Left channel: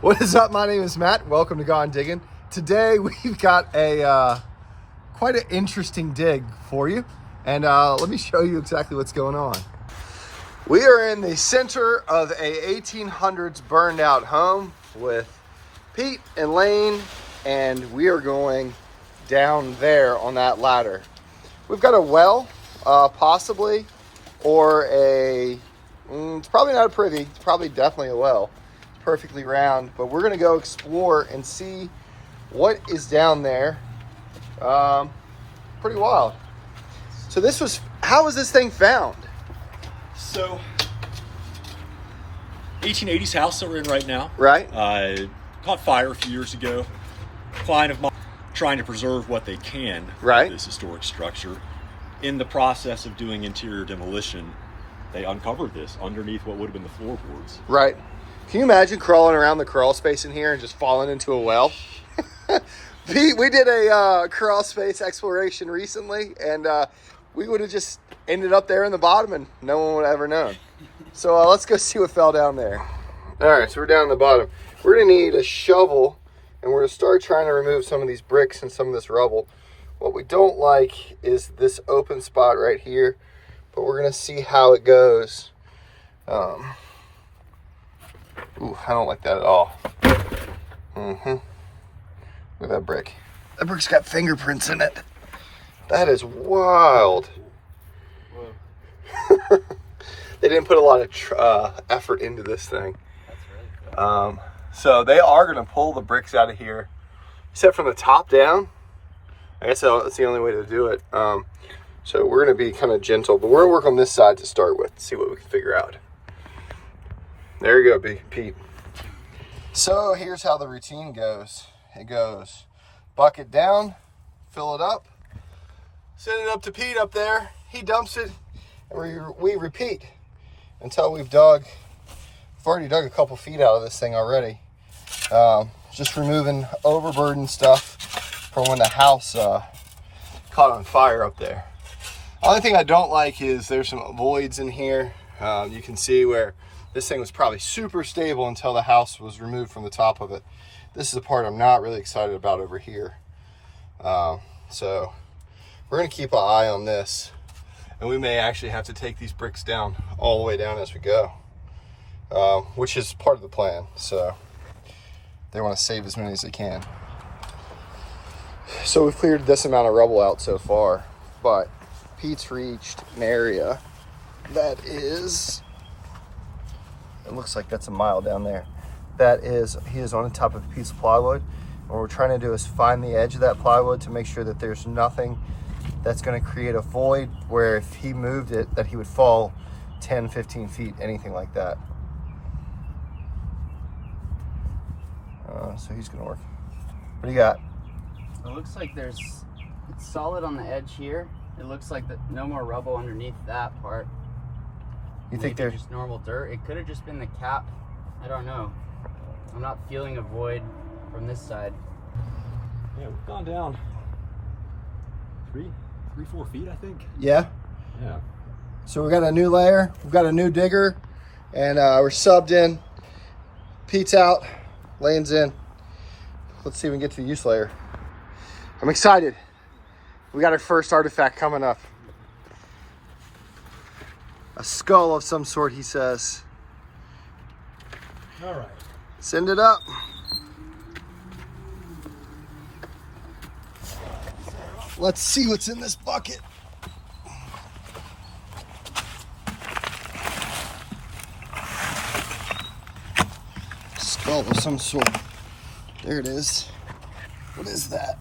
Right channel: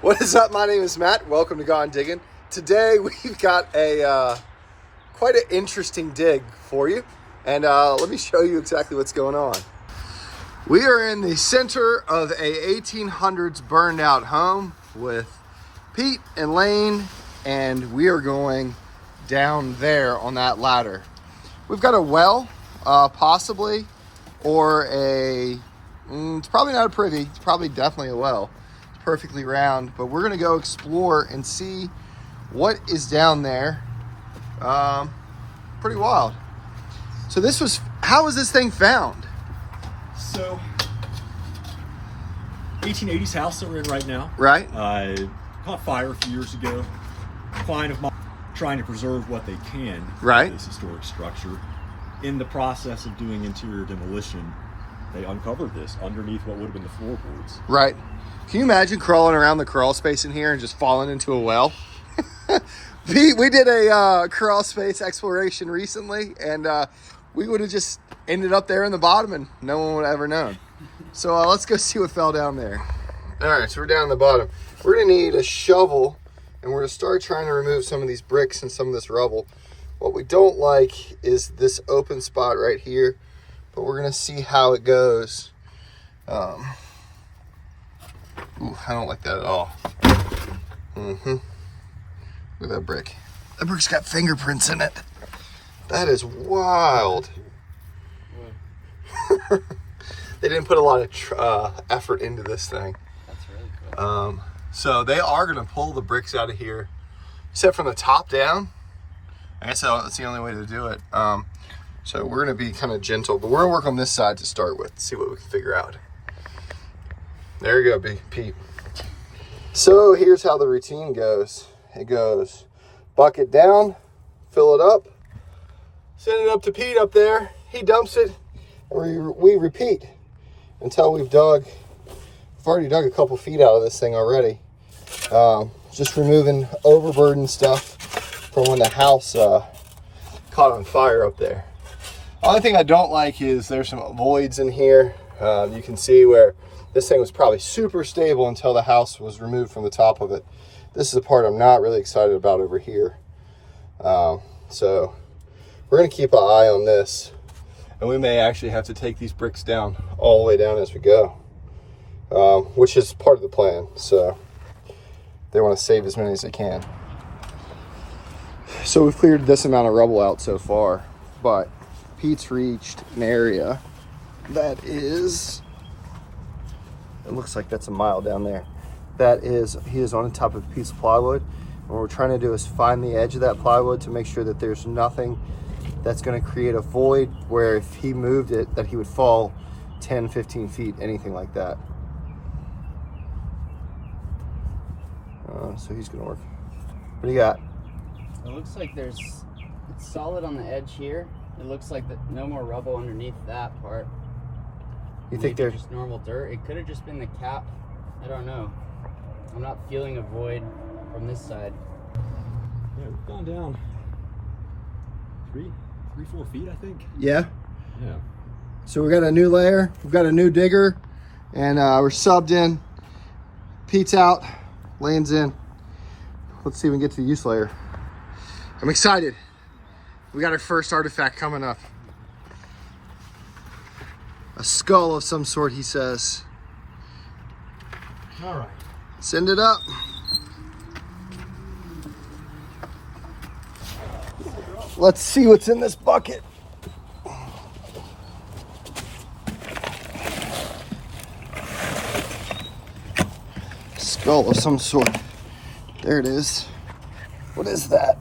What is up? My name is Matt. Welcome to Gone Diggin. Today we've got a quite an interesting dig for you, and let me show you exactly what's going on. We are in the center of a 1800s burned out home with Pete and Lane, and we are going down there on that ladder. We've got a well, possibly, or it's probably not a privy. It's probably definitely a well. Perfectly round, but we're gonna go explore and see what is down there. Pretty wild. So how was this thing found? So 1880s house that we're in right now, Right. Caught fire a few years ago. Client of mine trying to preserve what they can Right. of this historic structure. In the process of doing interior demolition, they uncovered this underneath what would have been the floorboards. Right. Can you imagine crawling around the crawl space in here and just falling into a well? We did a crawl space exploration recently, and we would have just ended up there in the bottom and no one would have ever known. So let's go see what fell down there. All right, so we're down in the bottom. We're gonna need a shovel, and we're gonna start trying to remove some of these bricks and some of this rubble. What we don't like is this open spot right here, but we're gonna see how it goes. Ooh, I don't like that at all. Look at that brick. That brick's got fingerprints in it. That is wild. They didn't put a lot of effort into this thing. That's really cool. So they are going to pull the bricks out of here. You said from the top down? I guess that's the only way to do it. So we're going to be kind of gentle, but we're going to work on this side to start with, see what we can figure out. There you go, Big Pete. So here's how the routine goes. It goes bucket down, fill it up, send it up to Pete up there. He dumps it, and we repeat until we've already dug a couple feet out of this thing already. Just removing overburden stuff from when the house caught on fire up there. Only thing I don't like is there's some voids in here. You can see where this thing was probably super stable until the house was removed from the top of it. This is the part I'm not really excited about over here. So we're gonna keep an eye on this, and we may actually have to take these bricks down all the way down as we go, which is part of the plan. So they want to save as many as they can. So we've cleared this amount of rubble out so far, but Pete's reached an area that is, it looks like that's a mile down there. He is on the top of a piece of plywood. What we're trying to do is find the edge of that plywood to make sure that there's nothing that's going to create a void where if he moved it, that he would fall 10, 15 feet, anything like that. So he's going to work. What do you got? It looks like it's solid on the edge here. It looks like no more rubble underneath that part. You think Maybe there's just normal dirt? It could have just been the cap. I don't know. I'm not feeling a void from this side. Yeah, we've gone down 4 feet, I think. Yeah. Yeah. So we got a new layer, we've got a new digger, and we're subbed in. Pete's out, Lane's in. Let's see if we can get to the use layer. I'm excited. We got our first artifact coming up. A skull of some sort, he says. All right. Send it up. Let's see what's in this bucket. Skull of some sort. There it is. What is that?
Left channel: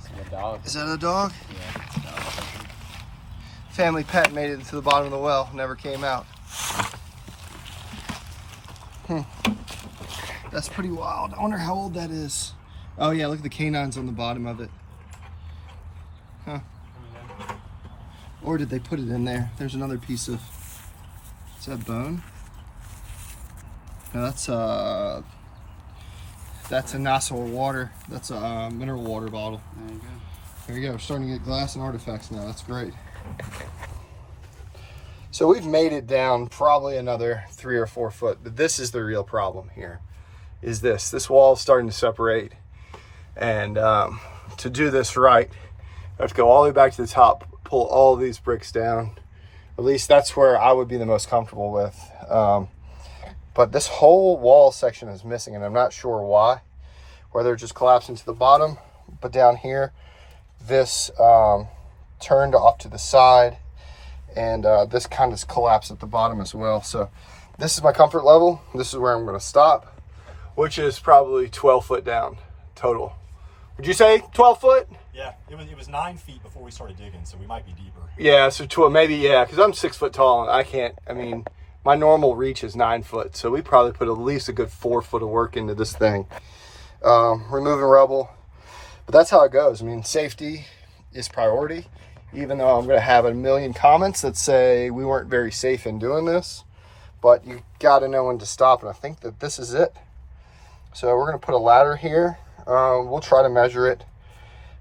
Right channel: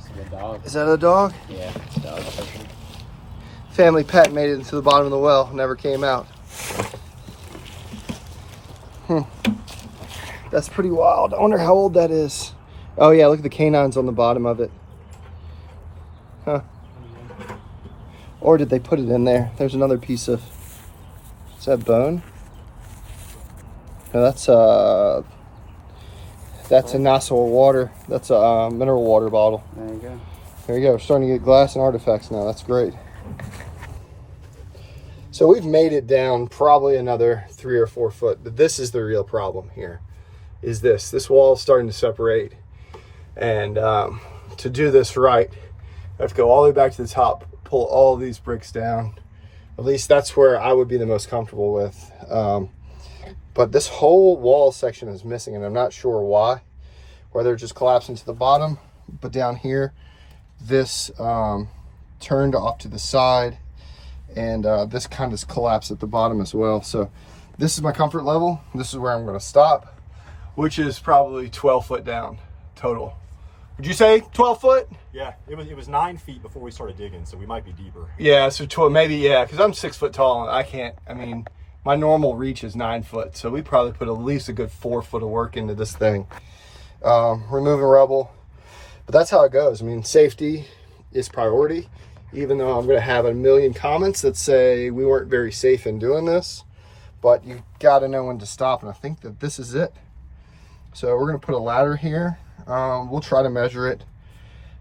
It's a dog. Is that a dog? Yeah, it's a dog. Family pet made it into the bottom of the well, never came out. That's pretty wild. I wonder how old that is. Oh yeah, look at the canines on the bottom of it. Huh. Or did they put it in there? There's another piece of, is that bone? No, that's a nozzle of water. That's a mineral water bottle. There you go. There you go. We're starting to get glass and artifacts now. That's great. So we've made it down probably another 3 or 4 foot, but this is the real problem here, is this wall is starting to separate. And to do this right, I have to go all the way back to the top, pull all these bricks down. At least that's where I would be the most comfortable with. But this whole wall section is missing, and I'm not sure why. Whether it just collapsed into the bottom, but down here, this turned off to the side, and this kind of collapsed at the bottom as well. So this is my comfort level. This is where I'm going to stop, which is probably 12 foot down total. Would you say 12 foot? Yeah, it was 9 feet before we started digging, so we might be deeper. Yeah, so 12, maybe, yeah, because I'm 6 foot tall, and I can't, I mean, my normal reach is 9 foot, so we probably put at least a good 4 foot of work into this thing. Removing rubble, but that's how it goes. I mean, safety is priority, even though I'm going to have a million comments that say we weren't very safe in doing this, but you got to know when to stop, and I think that this is it. So we're going to put a ladder here. We'll try to measure it,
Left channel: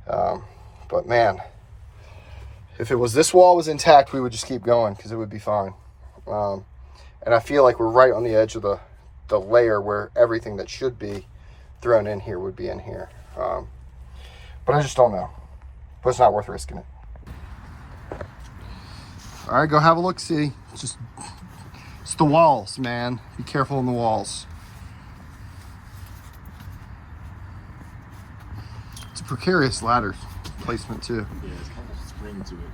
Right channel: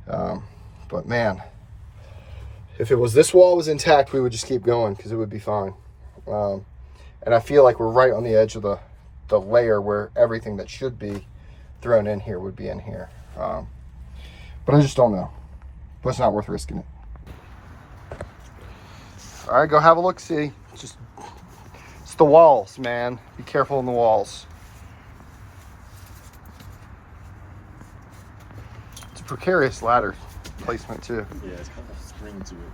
but man, if it was, this wall was intact, we would just keep going because it would be fine. And I feel like we're right on the edge of the layer where everything that should be thrown in here would be in here. But I just don't know. But it's not worth risking it. All right, go have a look. See, it's the walls, man. Be careful in the walls. It's a precarious ladder placement too. Yeah, it's kind of a spring to it.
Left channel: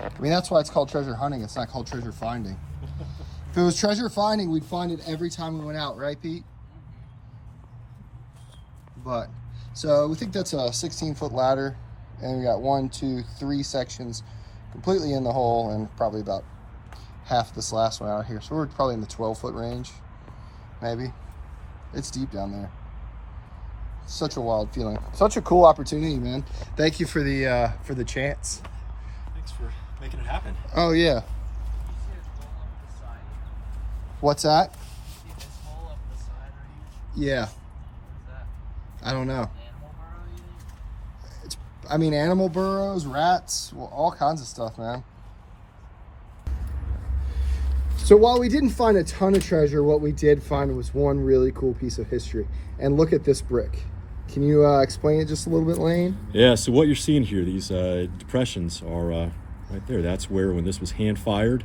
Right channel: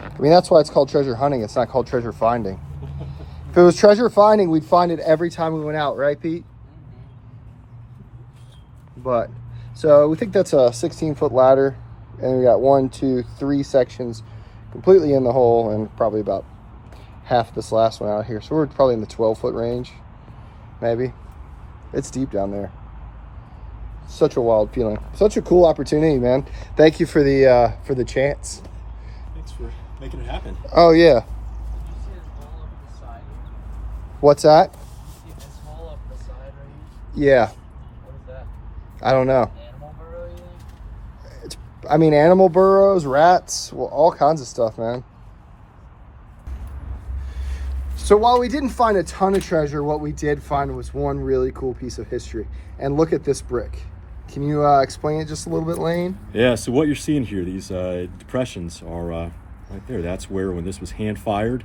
I mean, that's why it's called treasure hunting. It's not called treasure finding. If it was treasure finding, we'd find it every time we went out, right, Pete? But, so we think that's a 16-foot ladder, and we got 1, 2, 3 sections completely in the hole, and probably about half this last one out here. So we're probably in the 12-foot range, maybe. It's deep down there. Such a wild feeling. Such a cool opportunity, man. Thank you for the chance. Thanks for making it happen. Oh yeah. You see this wall up the side here? What's that? See this wall up the side right Yeah. here? What is that? I don't know. Animal burrow, you think? I mean, animal burrows, rats, well, all kinds of stuff, man. So while we didn't find a ton of treasure, what we did find was one really cool piece of history. And look at this brick. Can you explain it just a little bit, Lane? Yeah, so what you're seeing here, these depressions are right there. That's where, when this was hand fired,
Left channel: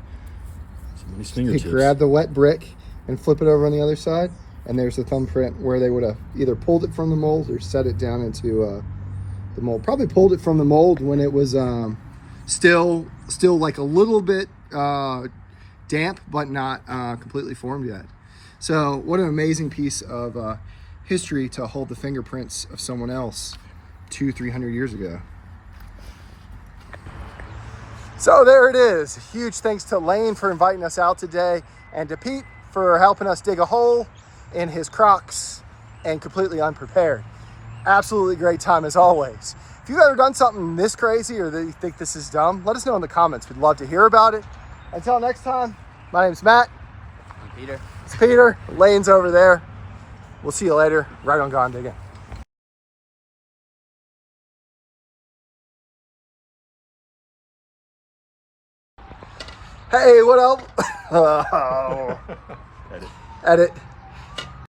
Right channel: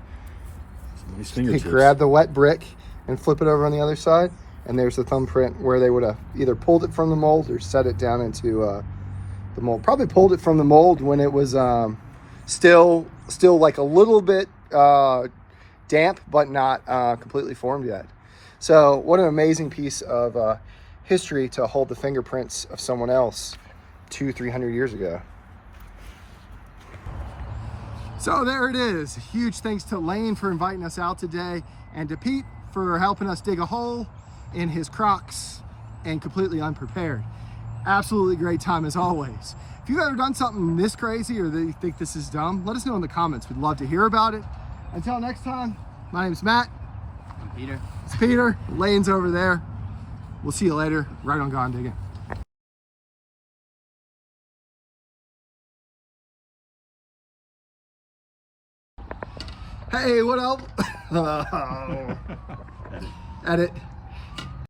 somebody's fingertips. They grab the wet brick and flip it over on the other side, and there's the thumbprint where they would have either pulled it from the mold or set it down into the mold. Probably pulled it from the mold when it was still like a little bit damp, but not completely formed yet. So what an amazing piece of history to hold the fingerprints of someone else 200-300 years ago. So there it is. Huge thanks to Lane for inviting us out today, and to Pete for helping us dig a hole in his Crocs and completely unprepared. Absolutely great time as always. If you've ever done something this crazy or that you think this is dumb, let us know in the comments. We'd love to hear about it. Until next time, my name's Matt. I'm Peter. It's Peter. Lane's over there. We'll see you later, right on Gone Diggin'. Hey, what up? Oh. Edit.